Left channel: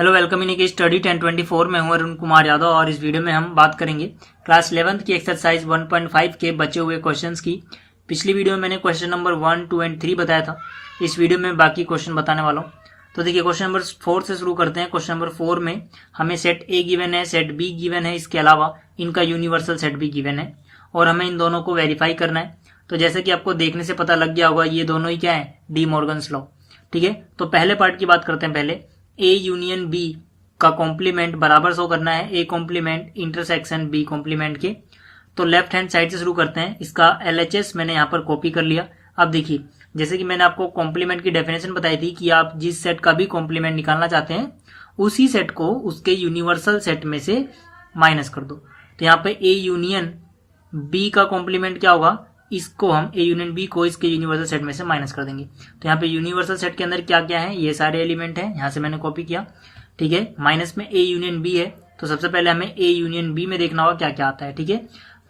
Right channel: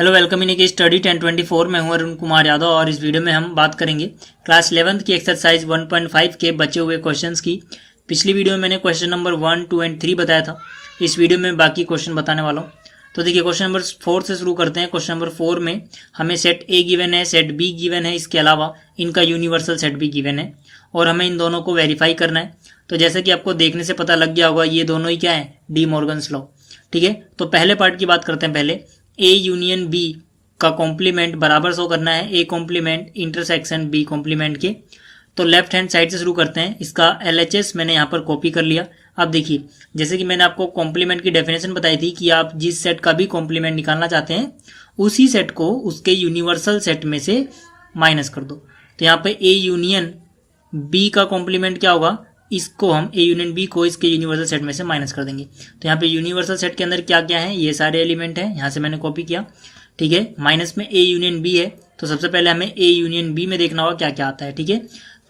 Hello welcome in study 1024 में हूं अरुण कुमार यादव और इस वीडियो में हम बात करेंगे क्लास 11th की एक्सरसाइज 1.5 के बचे हुए क्वेश्चंस की। पिछली वीडियो में मैंने क्वेश्चन नंबर 1, 2 एंड 3 बताया था। इस वीडियो में बाकी क्वेश्चन बताने वाला हूँ। तो देखिए क्वेश्चन नंबर 4 से शुरू करते हैं। क्वेश्चन नंबर 4 में हमें सेट ए गिवन है, सेट बी गिवन है, इसके अलावा इनका यूनिवर्सल सेट भी गिवन है और हमें इन दोनों को वेरीफाई करना है। तो जैसे कि आपको देखने से पता लग गया होगा ये दोनों ही क्या है, डी मॉर्गन्स लॉ। ठीक है, तो पहले पार्ट की बात करते हैं। पहले ए यूनियन बी का कॉम्प्लीमेंट बराबर शो करना है A complement intersection B complement के। तो लेफ्ट हैंड साइड से शुरू करते हैं। इसका LHS मैंने यहाँ पर कॉपी कर लिया। अब देखिए जैसे कि मैंने आपको कॉम्प्लीमेंट की डेफिनेशन बताई थी कि आप जिस सेट का भी कॉम्प्लीमेंट निकालना चाहते हैं उसी सेट को उसके यूनिवर्सल सेट में से माइनस कर दो। तो यहाँ पे ए यूनियन बी का कॉम्प्लीमेंट क्या होगा, इसको हम ए यूनियन बी को इसके यूनिवर्सल सेट में से माइनस कर देंगे। तो यहाँ पे यूनिवर्सल सेट के अंदर क्या क्या है, ये सारे एलिमेंट हैं, यहाँ से मैंने कॉपी किया। ठीक है, माइनस में ए यूनियन बी है तो सबसे पहले हमें ए यूनियन बी में देखना होगा क्या क्या आता है। ठीक है,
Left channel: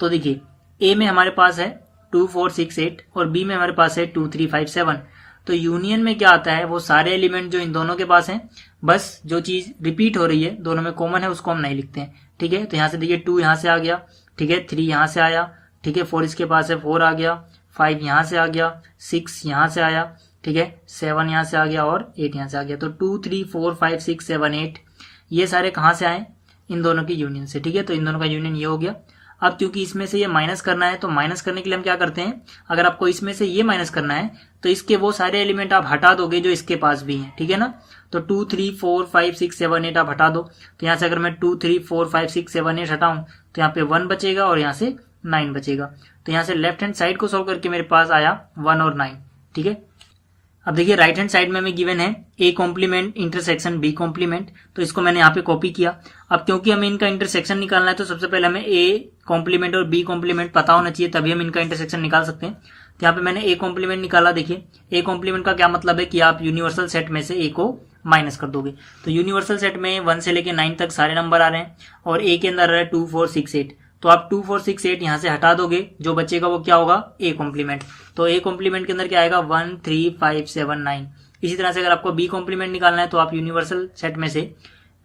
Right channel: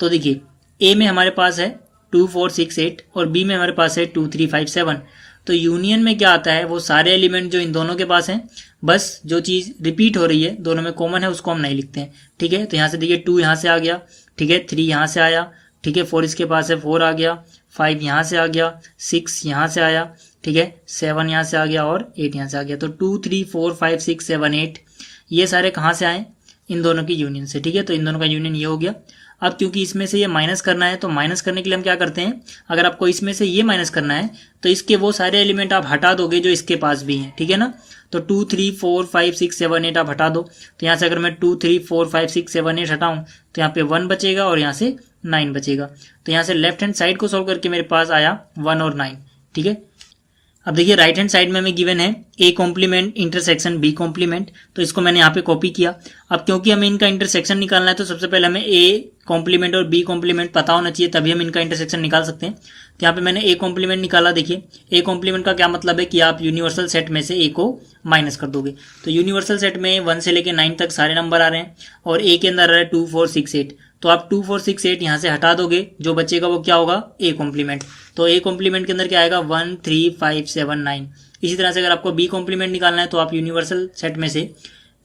तो देखिए ए में हमारे पास है 2, 4, 6, 8 और बी में हमारे पास है 2, 3, 5, 7। तो यूनियन में क्या आता है, वो सारे एलिमेंट जो इन दोनों के पास हैं, बस जो चीज रिपीट हो रही है दोनों में कॉमन है उसको हम नहीं लिखते हैं। ठीक है, तो यहाँ से देखिए 2 यहाँ से आ गया, ठीक है, 3 यहाँ से आया, ठीक है, 4 इसके पास है 4 आ गया, 5 यहाँ से आ गया, 6 यहाँ से आया, ठीक है, 7 यहाँ से आ गया और 8 यहाँ से आ गया। तो 2, 3, 4, 5, 6, 7, 8 ये सारे कहाँ से आए, इन दोनों की यूनियन से। ठीक है, तो इन दोनों का यूनियन ये हो गया। अब क्योंकि इसमें से ये माइनस करना है तो माइनस करने के लिए हम क्या करते हैं, अगर आपको इसमें से ये माइनस करना है तो इसके वो सारे एलिमेंट आप हटा दोगे जो इसके पास भी हैं। ठीक है ना, तो 2, 3, 4, 5, 6, 7, 8 आप हटा दो। तो यहाँ से अगर मैं 2, 3, 4, 5, 6, 7, 8 हटाऊं तो यहाँ पे 1 बचेगा और यहाँ से 9 बचेगा। तो यहाँ से लेफ्ट हैंड साइड को सोल्व करके मेरे पास आया 1 और 9। ठीक है, अब देखिए राइट हैंड साइड में हमें गिवन है A complement intersection B complement. तो इसको मैंने यहाँ पे कॉपी किया। अब क्योंकि हमें इनका इंटरसेक्शन निकालना है तो सबसे पहले हमें ए कॉम्प्लीमेंट और बी कॉम्प्लीमेंट पता होना चाहिए, तभी हम इनका इंटरसेक्शन निकाल सकते हैं। तो यहाँ पे मैंने ए कॉम्प्लीमेंट निकाला। देखिए ए कॉम्प्लीमेंट का क्या मतलब है कि आप यूनिवर्सल सेट में से ए को माइनस कर दोगे। तो यूनिवर्सल सेट में 1 से लेकर 9 तक सारे नंबर आ रहे हैं और ए के अंदर आ रहा है 2, 4, 6, 8। तो आप 2, 4, 6, 8 यहाँ से हटा दोगे, जो बचेगा वो क्या होगा, ए कॉम्प्लीमेंट। तो ए कॉम्प्लीमेंट के अंदर क्या आएगा, 1, 3, 5, 7, 9। इसी तरह से अगर आपको बी कॉम्प्लीमेंट निकालना है तो आप यूनिवर्सल सेट में से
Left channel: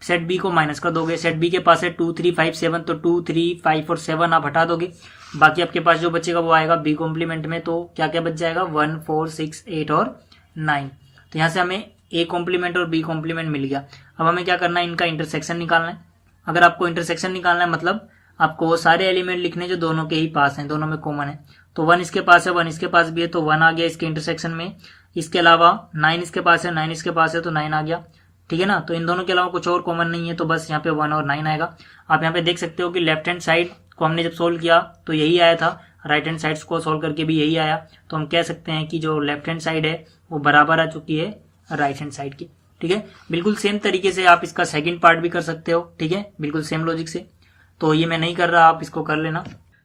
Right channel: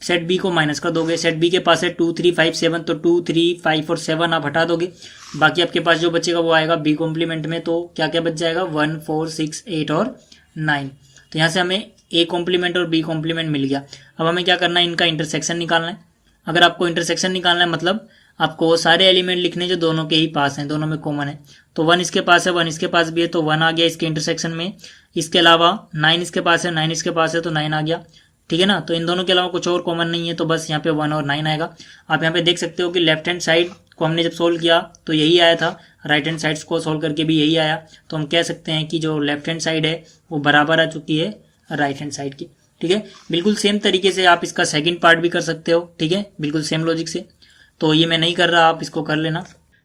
सेट बी को माइनस कर दोगे। सेट बी के पास है 2, 3, 5, 7, तो 2, 3, 5 और 7 आप हटा दोगे। बाकी आपके पास जो बचेगा वो आएगा बी कॉम्प्लीमेंट में। तो क्या क्या बच जाएगा, 1, 4, 6, 8 और 9। तो यहाँ से हमें ए कॉम्प्लीमेंट और बी कॉम्प्लीमेंट मिल गया। अब हमें क्या करना है, इनका इंटरसेक्शन निकालना है। अगर आपको इंटरसेक्शन निकालना है मतलब आपको वो सारे एलिमेंट लिखने जो दोनों के ही पास हैं, दोनों में कॉमन है। तो 1 इसके पास है, 1 इसके पास भी है, तो 1 आ गया इसके इंटरसेक्शन में। इसके अलावा 9 इसके पास है, 9 इसके पास है, तो 9 आ गया। ठीक है ना, तो इन दोनों के अलावा कुछ और कॉमन नहीं है, तो बस यहाँ पे 1 और 9 आएगा। आप यहाँ पे देख सकते हो कि लेफ्ट हैंड साइड को हमने जब सोल्व किया तो यही आया था, राइट हैंड साइड को सोल्व करके भी यही आया। तो हम कह सकते हैं कि जो लेफ्ट हैंड साइड है वो बराबर आ चुकी है राइट हैंड साइड की। ठीक है, बिल्कुल सेम तरीके से आप इसका सेकेंड पार्ट भी कर सकते हो। ठीक है, बिल्कुल सेम लॉजिक से। तो ये मैं नहीं कर रहा, आप इसको कर लेना।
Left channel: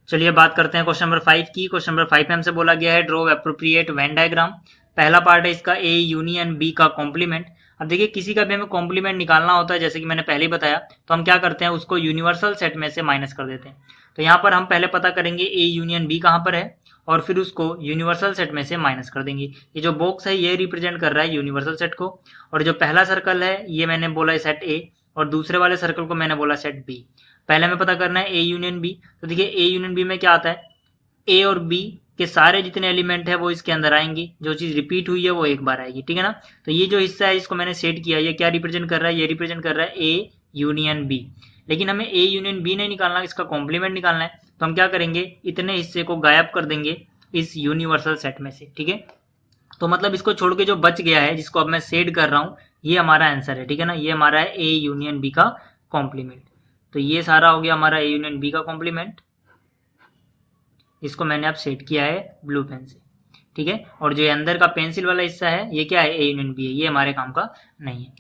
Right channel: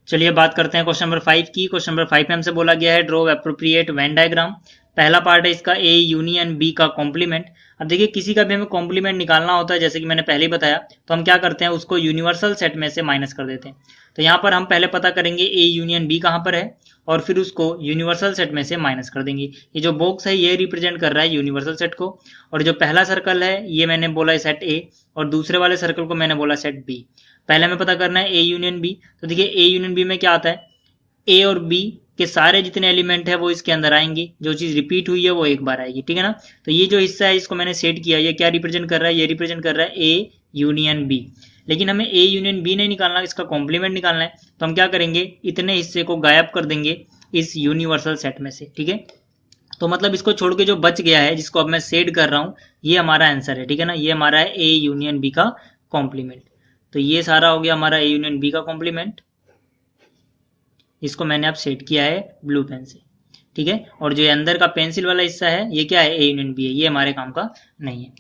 चलिए बात करते हैं क्वेश्चन नंबर 5 की। क्वेश्चन नंबर 5 में हमसे बोला गया है ड्रॉ एप्रोप्रिएट वेन डायग्राम। पहला पार्ट है इसका ए यूनियन बी का कॉम्प्लीमेंट। अब देखिए किसी का भी हमें कॉम्प्लीमेंट निकालना होता है, जैसे कि मैंने पहले ही बताया, तो हम क्या करते हैं, उसको यूनिवर्सल सेट में से माइनस कर देते हैं। तो यहाँ पर हम पहले पता करेंगे ए यूनियन बी कहाँ पर है और फिर उसको यूनिवर्सल सेट में से माइनस कर देंगे। ये जो बॉक्स है ये रिप्रेजेंट कर रहा है यूनिवर्सल सेट को, और जो पहला सर्कल है ये मैंने बोला है सेट ए और दूसरे वाले सर्कल को मैंने बोला सेट बी। पहले हमें पता करना है ए यूनियन बी। तो देखिए ए यूनियन बी में क्या आता है, ए और बी के सारे जितने एलिमेंट है वो इसके अंदर आएंगे, जो चीज रिपीट हुई है वो एक बार आएगी। ठीक है ना, तो ये जो हिस्सा है इसको मैंने सेट किया, ये क्या रिप्रेजेंट कर रहा है, ये रिप्रेजेंट कर रहा है ए यूनियन बी। लेकिन हमें ए यूनियन बी नहीं निकालना, इसका कॉम्प्लीमेंट निकालना है। तो हम क्या करेंगे, इतने हिस्से को गायब कर देंगे इस यूनिवर्सल सेट में से। ठीक है, तो मतलब इसको छोड़ के जो बच गया है जिसको अब मैं सेट कर रहा हूं, ये हमारा आंसर है। ठीक है ना, ये हमारा है ए यूनियन बी का कॉम्प्लीमेंट। तो ये सारा हो गया हमारा ए यूनियन बी का कॉम्प्लीमेंट, इसको मैंने अब सेट किया है ब्लू पेन से। ठीक है, और जो ये अंदर का पेंसिल वाला हिस्सा है ये क्या है, ए यूनियन बी है, ये हमारे काम का नहीं है।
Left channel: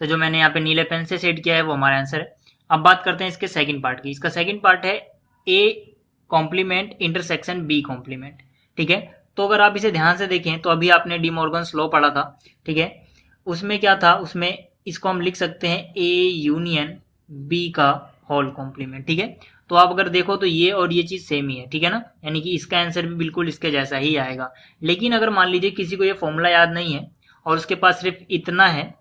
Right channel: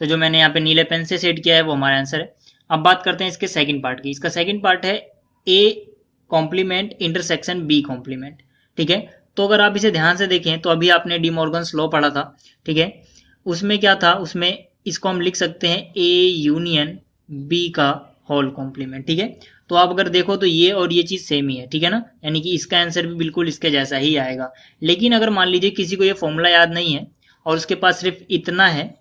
तो जो मैंने यहाँ पे नीले पेन से सेट किया है वो हमारा आंसर है। अब बात करते हैं इसके सेकंड पार्ट की। इसका सेकंड पार्ट है A complement intersection B complement. ठीक है, तो अगर आप इसे ध्यान से देखें तो अभी आपने डी मॉर्गन्स लॉ पढ़ा था। ठीक है, उसमें क्या था, उसमें इसको हम लिख सकते हैं ए यूनियन बी का होल कॉम्प्लीमेंट। ठीक है, तो आप अगर देखो तो ये और ये चीज सेम ही है। ठीक है ना, यानी कि इसका आंसर भी बिल्कुल इसके जैसा ही आएगा। लेकिन अगर मान लीजिए किसी को ये फॉर्मूला याद नहीं है और उसके पास सिर्फ इतना है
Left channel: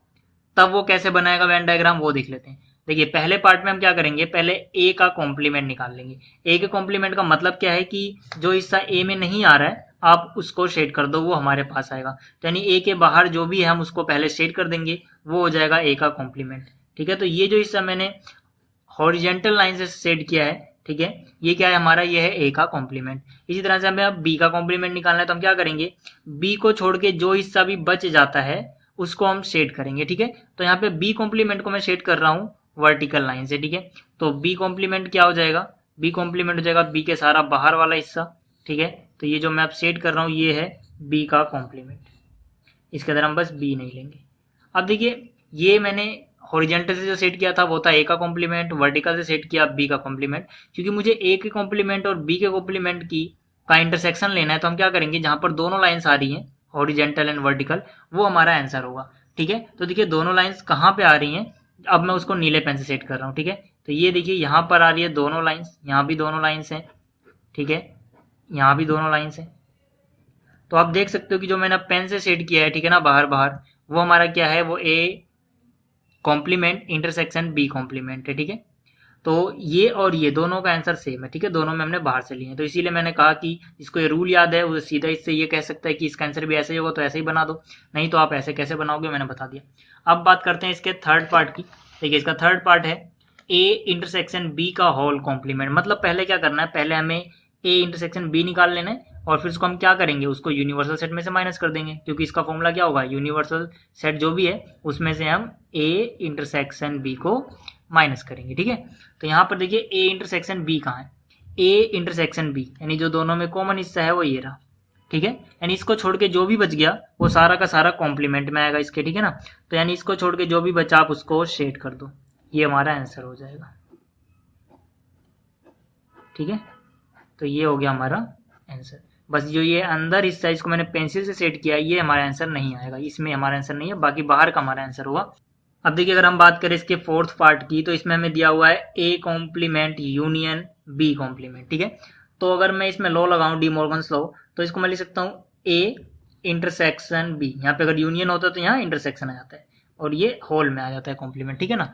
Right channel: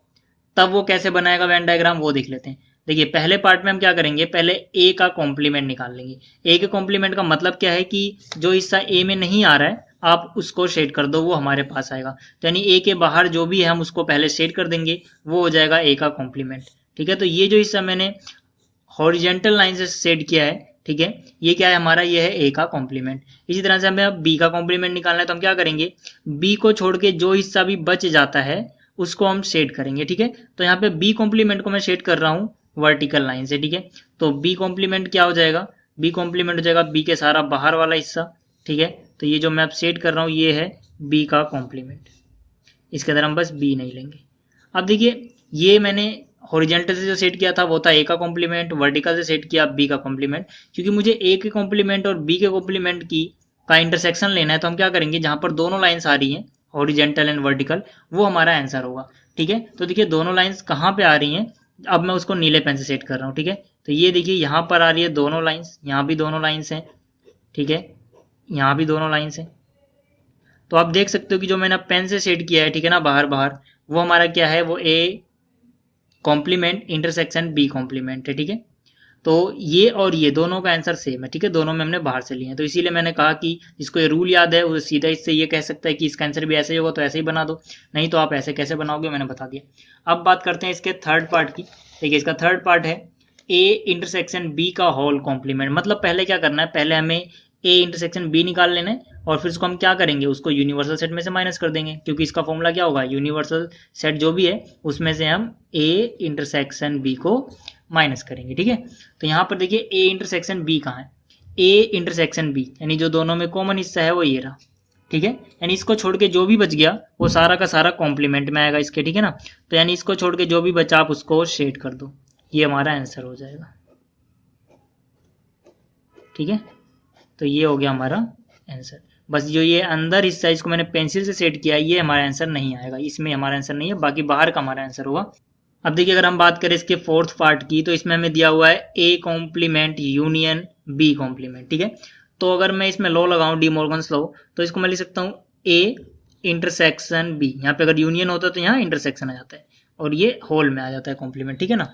तब वो कैसे बनाएगा वेन डायग्राम वो देख लेते हैं। देखिए पहले पार्ट में हम क्या करेंगे, पहले ए का कॉम्प्लीमेंट निकाल लेंगे। ए के कॉम्प्लीमेंट का मतलब क्या है कि जो हिस्सा ए में नहीं आ रहा है आप उसको शेड कर दो, वो हमारे पास आएगा। तो यानी ए के बाहर जो भी है हम उसको पहले शेड कर देंगे, वो हो जाएगा ए का कॉम्प्लीमेंट। ठीक है, तो ये जो हिस्सा मैंने हॉरिजेंटल लाइन से शेड किया है, ठीक है, ये क्या है हमारा, ये है ए का कॉम्प्लीमेंट। इसी तरह से हमें अब बी का कॉम्प्लीमेंट निकालना है, तो हम क्या करेंगे, बी को छोड़ के जो हिस्सा भी बच जाता है उसको हम शेड करेंगे। ठीक है, तो यहाँ पे बी कॉम्प्लीमेंट को मैं शेड कर रहा हूँ वर्टिकल लाइन से। ठीक है, तो बी कॉम्प्लीमेंट क्या हो जाएगा, बी कॉम्प्लीमेंट हो जाएगा बी के सारा बाहर वाला हिस्सा। ठीक है, तो ये जो मैं अब शेड कर रहा हूँ ये है बी का कॉम्प्लीमेंट, इसके अंदर हम बस बी नहीं लेंगे। अब देखिए ये मैंने हॉरिजेंटल से जो सेट किया था वो था ए का कॉम्प्लीमेंट, वर्टिकल से सेट किया बी का कॉम्प्लीमेंट। क्योंकि मुझे ए के कॉम्प्लीमेंट और बी के कॉम्प्लीमेंट की का इंटरसेक्शन लेना है, तो हम क्या करेंगे, जहां पर दोनों लाइंस आ रही हैं हॉरिजेंटल एंड वर्टिकल, वो हमारा आंसर होगा। ठीक है, तो देखिए दोनों लाइंस कहाँ पे आ रही हैं, अब मैं उसको नीले पेन से सेट कर रहा हूँ। ठीक है, तो ये देखिए यहाँ पर आ रही है दोनों लाइंस, यहाँ भी दोनों लाइंस हैं। ठीक है, यहाँ भी दोनों लाइंस हैं। तो आप देख सकते हो कि जो मैंने पेन से सेट किया है, ठीक है ना, बाहर बाहर, वो हमारा क्या है, वो A complement intersection B complement है। ठीक है, तो ये और ये दोनों का आंसर सेम है। ठीक है, दोनों में हमने बाहर से लिए हैं, तो इसीलिए मैंने कहा कि जिसको ये रूल याद है वो सीधा इससे ये कह सकता है कि इसका आंसर भी ऐसे ही होगा, तो ऐसे ही बना दो, नहीं तो आप ऐसे कैसे बनाओगे, मैंने बता दिया। अब बात करते हैं इसके थर्ड पार्ट की। देखिए इसका थर्ड पार्ट है ए इंटरसेक्शन बी का होल कॉम्प्लीमेंट। मतलब पहले क्या करना है, पहले हमें ए इंटरसेक्शन बी निकाल लेना है, और फिर उसको हम क्या करेंगे, उसको यूनिवर्सल सेट में से माइनस कर देंगे, क्योंकि इसका फॉर्मूला क्या होगा, यूनिवर्सल सेट जो भी है उसमें से हम ए इंटरसेक्शन बी को माइनस करेंगे। ठीक है, तो यहाँ पर देखिए ए इंटरसेक्शन बी कहाँ है, ए इंटरसेक्शन बी यानी जो दोनों में कॉमन हिस्सा है वो ये रहा। ठीक है, यानी इसको छोड़ के जो भी बच गया वो सारा का सारा कॉम्प्लीमेंट में आएगा इसके। ठीक है ना, तो यानी इसको छोड़ के जो भी बचा आप उसको शेड कर दो, ये हमारा आंसर हो जाएगा। ठीक है, तो ये हो गया हमारा आंसर। बस जो ये अंदर हिस्सा इसको मैंने पेंसिल से सेट किया, ये हमारा आंसर नहीं आएगा, इसमें हमारा आंसर नहीं है, बाकी बाहर का हमारा आंसर होगा। अब देखिए अगर हम बात करें इसके फोर्थ पार्ट की, तो इसमें हमें दिया हुआ है A complement union B complement. ठीक है, तो अगर मैं इसमें लॉ लगाऊं डी मॉर्गन्स लॉ, तो इसको मैं लिख सकता हूँ ए इंटरसेक्शन बी, यहाँ पे अगर यूनियन होता है तो यहाँ इंटरसेक्शन आ जाता है, और ये होल में आ जाता है कॉम्प्लीमेंट। ठीक है ना,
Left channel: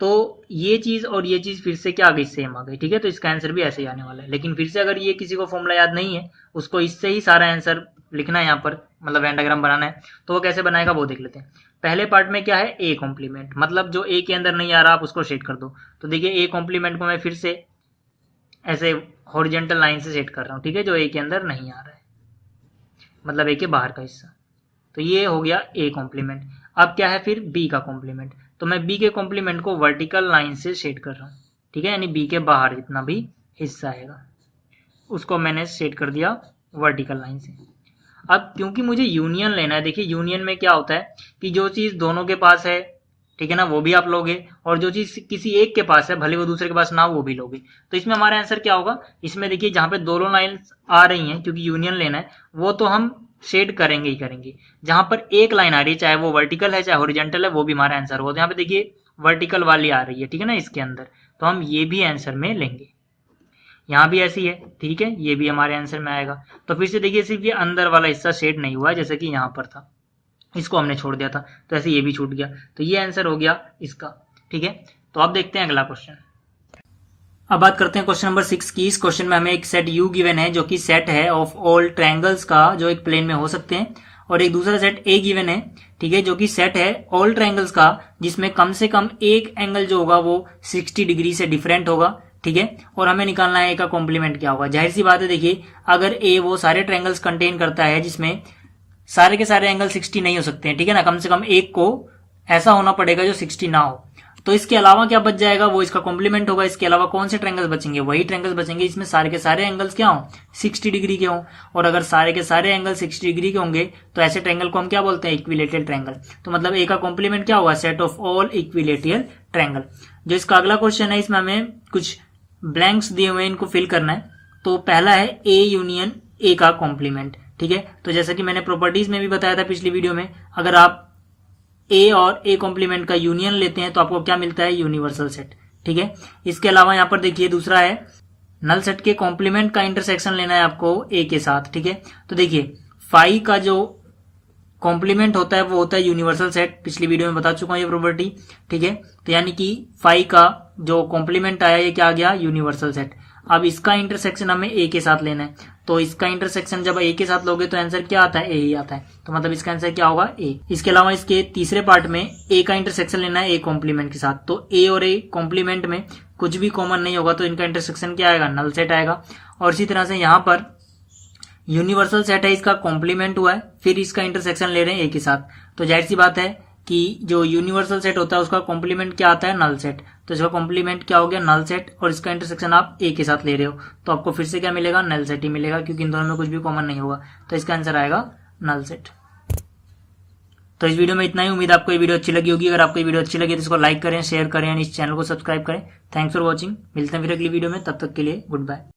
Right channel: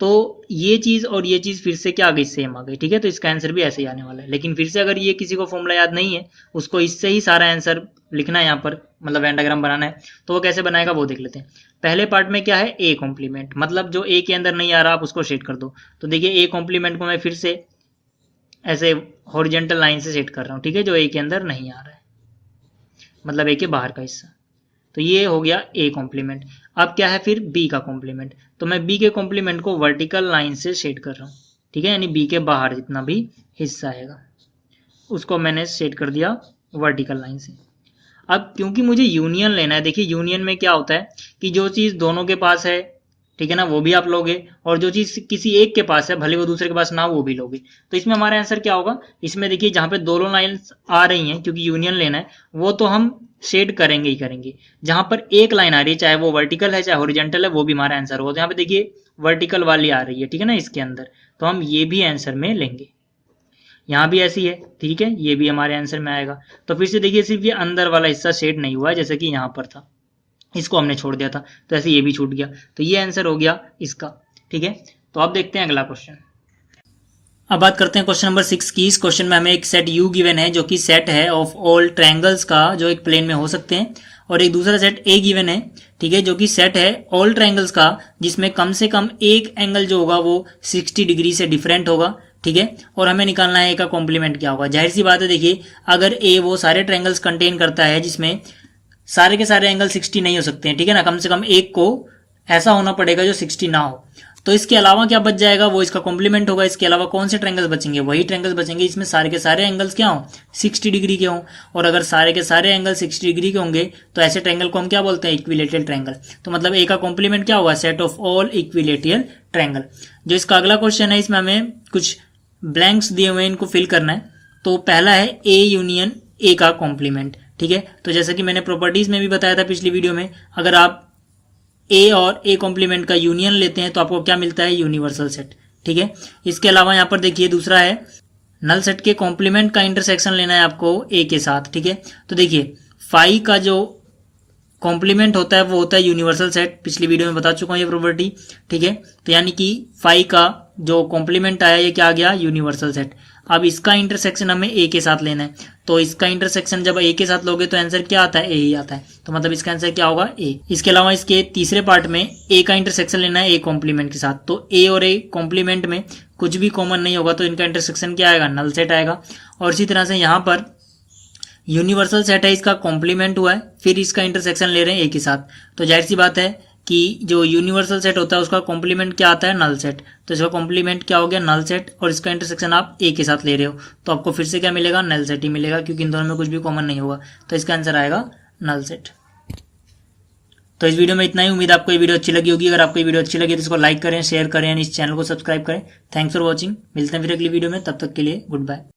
तो ये चीज और ये चीज फिर से क्या आ गई, सेम आ गई। ठीक है, तो इसका आंसर भी ऐसे ही आने वाला है। लेकिन फिर से अगर ये किसी को फॉर्मूला याद नहीं है, उसको इससे ही सारा आंसर लिखना है यहाँ पर, मतलब वेन डायग्राम बनाना है, तो वो कैसे बनाएगा वो देख लेते हैं। पहले पार्ट में क्या है, ए कॉम्प्लीमेंट, मतलब जो ए के अंदर नहीं आ रहा आप उसको सेट कर दो। तो देखिए ए कॉम्प्लीमेंट को मैं फिर से ऐसे हॉरिजेंटल लाइन से सेट कर रहा हूँ। ठीक है, जो ए के अंदर नहीं आ रहा है, मतलब ए के बाहर का हिस्सा, तो ये हो गया ए कॉम्प्लीमेंट। अब क्या है फिर बी का कॉम्प्लीमेंट, तो मैं बी के कॉम्प्लीमेंट को वर्टिकल लाइन से शेड कर रहा हूँ। ठीक है, यानी बी के बाहर जितना भी हिस्सा आएगा उसको मैंने शेड कर दिया वर्टिकल लाइन से। अब क्योंकि मुझे यूनियन लेना है, देखिए यूनियन में क्या होता है कि जो चीज़ दोनों के पास है, ठीक है ना, वो भी आप लोगे, और जो चीज़ किसी एक के पास है भले वो दूसरे के पास ना वो भी लोगे। तो इसमें हमारा आंसर क्या होगा, इसमें देखिए जहाँ पे दोनों लाइन्स आ रही हैं, क्योंकि यूनियन लेना है, वो तो हम शेड करेंगे ही करेंगे। जहां पर एक लाइन आ रही है, चाहे वो वर्टिकल है चाहे हॉरिजॉन्टल है, वो भी हमारा आंसर होगा। तो यहाँ पे देखिए वर्टिकल वाली आ रही है, ठीक है ना, इसके अंदर, तो हम ये भी आंसर में लेंगे। यहाँ भी ऐसी है, ठीक है, ये भी हमारे आंसर में आएगा। तो फिर से देखिए सिर्फ ये अंदर वाला हिस्सा शेड नहीं हुआ, जैसे कि यहाँ पर था, इसको हमने छोड़ दिया था, तो ऐसे ये भी छूट गया, तो ये आंसर हो गया इसका। ठीक है, तो अब देखते हैं अगला क्वेश्चन। अब बात करते हैं क्वेश्चन नंबर 6 की। इस क्वेश्चन में हमें एक सेट यू गिवन है, जो कि सेट है ऑफ ऑल ट्रायंगल्स का जो एक प्लेन में हो सकते हैं, और एक दूसरा सेट ए गिवन है, ठीक है, जो कि सेट है ऑल ट्रायंगल्स का जिसमें कम से कम एक एंगल जो होगा वो 60 डिग्री से डिफरेंट होगा। ठीक है, और हमें निकालना है ए का कॉम्प्लीमेंट क्या होगा। जाहिर सी बात है, देखिए अगर ए वो सारे ट्रायंगल्स कंटेन करता है जिसमें सारे के सारे एंगल 60 नहीं हो सकते हैं, ठीक है ना, कम से कम एक को ऐसा होना पड़ेगा जो 60 ना हो, तो इसके अलावा क्या बच जाएगा, वो इसका कॉम्प्लीमेंट होगा। इसके अलावा कौन से ट्रायंगल्स बचेंगे, वही ट्रायंगल्स बचेंगे इसमें सारे के सारे एंगल्स क्या हो, 60 डिग्री के हों। और अगर सारे के सारे एंगल 60 डिग्री के होंगे तो ऐसे ट्रायंगल को हम क्या बोलते हैं, इक्विलेटरल ट्रायंगल। तो मतलब ए का कॉम्प्लीमेंट क्या होगा, set of all equilateral triangle. जो इसका अगला क्वेश्चन है, इसमें हमें कुछ ब्लैंक्स दिए हुए, इनको फिल करना है। तो पहला है ए यूनियन ए का कॉम्प्लीमेंट। ठीक है, तो जैसा कि मैंने प्रॉपर्टीज में भी बताया था पिछली वीडियो में, अगर आप ए और ए कॉम्प्लीमेंट का यूनियन लेते हैं तो आपको क्या मिलता है, यूनिवर्सल सेट। ठीक है, इसके अलावा यहाँ पर देखिए दूसरा है नल सेट के कॉम्प्लीमेंट का इंटरसेक्शन लेना है आपको ए के साथ। ठीक है, तो देखिए फाई का जो कॉम्प्लीमेंट होता है वो होता है यूनिवर्सल सेट। पिछली वीडियो में बता चुका हूँ ये प्रॉपर्टी, ठीक है। तो यानी कि फाइव का जो कॉम्प्लीमेंट आया ये क्या आ गया, यूनिवर्सल सेट। अब इसका इंटरसेक्शन हमें ए के साथ लेना है, तो इसका इंटरसेक्शन जब ए के साथ लोगे तो आंसर क्या आता है, ए ही आता है। तो मतलब इसका आंसर क्या होगा, ए। इसके अलावा इसके तीसरे पार्ट में ए का इंटरसेक्शन लेना है ए कॉम्प्लीमेंट के साथ, तो ए और ए कॉम्प्लीमेंट में कुछ भी कॉमन नहीं होगा तो इनका इंटरसेक्शन क्या आएगा, नल सेट आएगा। और इसी तरह से यहाँ पर यूनिवर्सल सेट है, इसका कॉम्प्लीमेंट हुआ है, फिर इसका इंटरसेक्शन ले रहे हैं ए के साथ, तो जाहिर सी बात है कि जो यूनिवर्सल सेट होता है उसका कॉम्प्लीमेंट क्या आता है, नल सेट। तो इसका कॉम्प्लीमेंट क्या हो गया, नल सेट, और इसका इंटरसेक्शन आप ए के साथ ले रहे हो तो आपको फिर से क्या मिलेगा, नल सेट ही मिलेगा, क्योंकि इन दोनों में कुछ भी कॉमन नहीं होगा। तो इसका आंसर आएगा नल सेट। तो इस वीडियो में इतना ही। उम्मीद आपको ये वीडियो अच्छी लगी होगी। अगर आपको ये वीडियो अच्छी लगी तो इसको लाइक करें, शेयर करें, इस चैनल को सब्सक्राइब करें। Thanks for watching. मिलते हैं फिर अगली वीडियो में, तब तक के लिए गुड बाय।